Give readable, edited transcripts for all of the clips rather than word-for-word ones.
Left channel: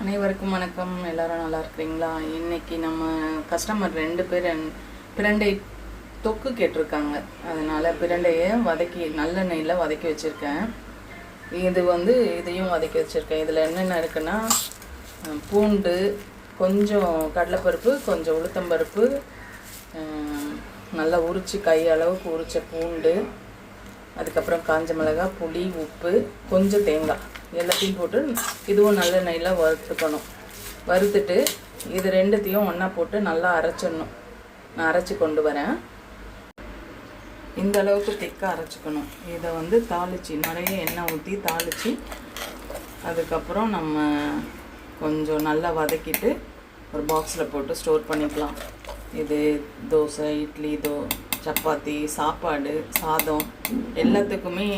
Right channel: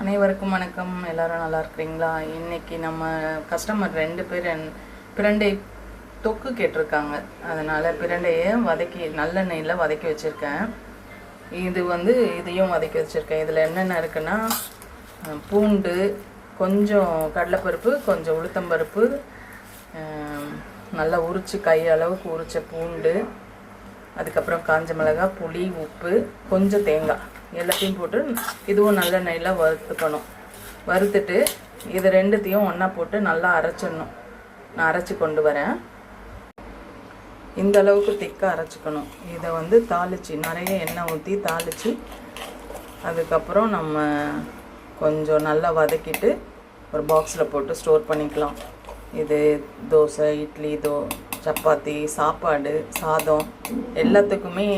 அனைவருக்கும் வணக்கம். எல்லாரும் நல்லா இருக்கிறீங்களா? இன்னைக்கு நம்ம கஸ்டமர் 2 பேர் பிரண்டை தொக்கு கேட்டிருக்காங்க. அதனால பிரண்டையை வதக்கி நல்லெண்ணெயில் வதக்கி வச்சுருக்கேன். இதையும் வதக்கி வச்சுருக்கேன். இதில் என்னென்ன இருக்குன்னா, பூண்டு, கொஞ்சம் கடலைப்பருப்பு, கொஞ்சம் உளுத்தம்பருப்பு, நல்லா உரித்து கை அளவுக்கு உரித்த பூண்டு, அதுக்கப்புறம் காஞ்ச மிளகாய், புளி, உப்பு, கொஞ்சம் தேங்காய் எல்லாத்தையும் போட்டு இதுவும் நல்லெண்ணெயில் வறுத்துக்கணும். வறுத்துட்டு இது ரெண்டுத்தையும் ஒன்றா போட்டு நல்லா அரைச்சிடணும். நான் அரைச்சி கொண்டு வரேன். இந்த அளவுக்கு திக்காக அரைச்சிக்கணும். இதை தாளித்து நிறைய எண்ணெய் ஊற்றி தாளித்து அதுக்கப்புறம் நம்ம கொஞ்சம் நல்லா வதக்கிட்டு ஒரு பாக்ஸில் போட்டு ஸ்டோர் பண்ணிக்கலாம். இது தோசை, இட்லி, சப்பாத்தி, சாப்பாடு, சாதம் எல்லாத்துக்குமே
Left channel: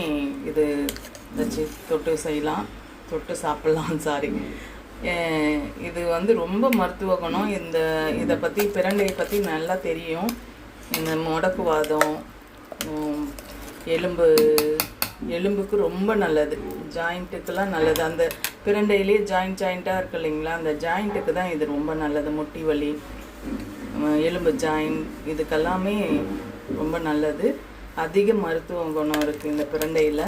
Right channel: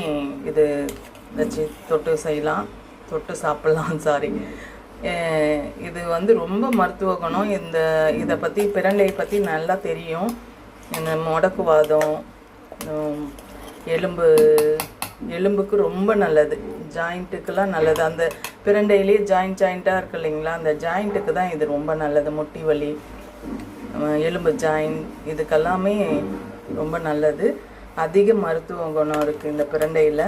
இது வச்சு தொட்டு செய்யலாம், தொட்டு சாப்பிட்லாம். சாரி, இது ரொம்ப மருத்துவ குணம். இதை பற்றி பிரண்டையை பற்றி நல்லா தெரியும். இந்த முடக்குவாதம், எலும்புக்கு ரொம்ப நல்லது, ஜாயிண்ட்டுக்கெல்லாம் நல்லது. அந்த பிரண்டையிலே ஜாயிண்ட்டாக இருக்கு இல்லைங்களா, அந்த ஜாயிண்ட்டுக்கு தான் இது ரொம்ப நல்லது. முட்டி வலி, எலும்பு ஜாயிண்ட், இதுக்கெல்லாமே ரொம்ப நல்லது. அதிக மருத்துவ குணம் இருக்குது இந்த பிரண்டையில்.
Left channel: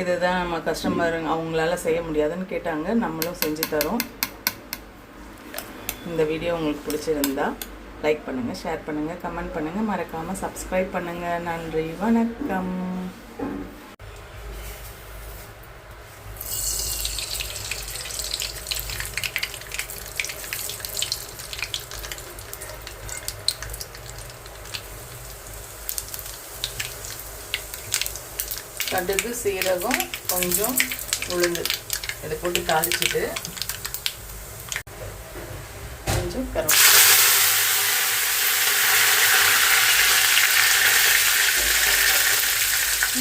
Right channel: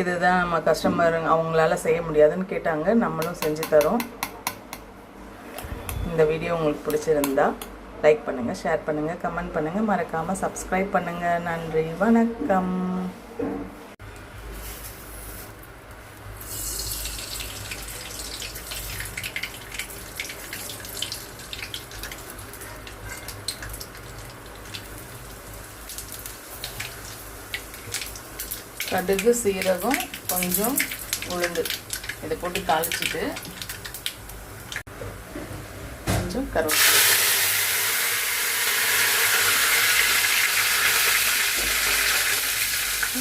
இதுதான் நம்ம கஸ்டமர் அவங்களால செய்ய முடியாதுன்னு கேட்டாங்க, நம்மளும் செஞ்சு தரோம். இந்த வீடியோ உங்களுக்கு பிடிச்சிருந்தா லைக் பண்ணுங்கள், ஷேர் பண்ணுங்கள், கமெண்ட் பண்ணுங்கள், மறக்காமல் சப்ஸ்கிரைப் பண்ணுங்கள். நன்றி, வணக்கம். கடுகு, சீரகம், கொஞ்சம் உளுந்து இதை போட்டு தாளிச்சிட்டு கொஞ்சம் கருவேப்பிலை,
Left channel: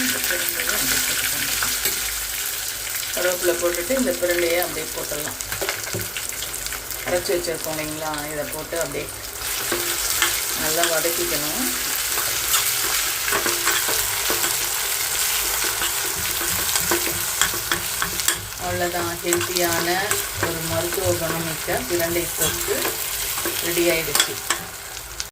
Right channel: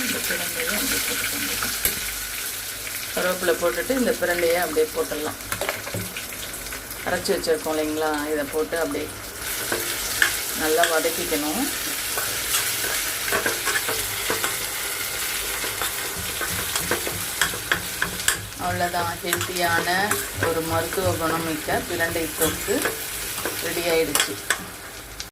இந்த பிரண்டையை அப்படியே போட்டுக்கணும். கருவேப்பிலை போட்டுட்டு இந்த பிரண்டையை அப்படியே போட்டுடலாம். அரைச்சி வச்சுருக்கோம் இல்லைங்களா, இதை போட்டு அப்படியே நல்லா வதக்கிக்கணும். அவ்வளோதான், ஹெல்த்தியான ஒரு மருத்துவ குணமிக்க பிரண்டை தொக்கு ரெடி ஆயிடுச்சு.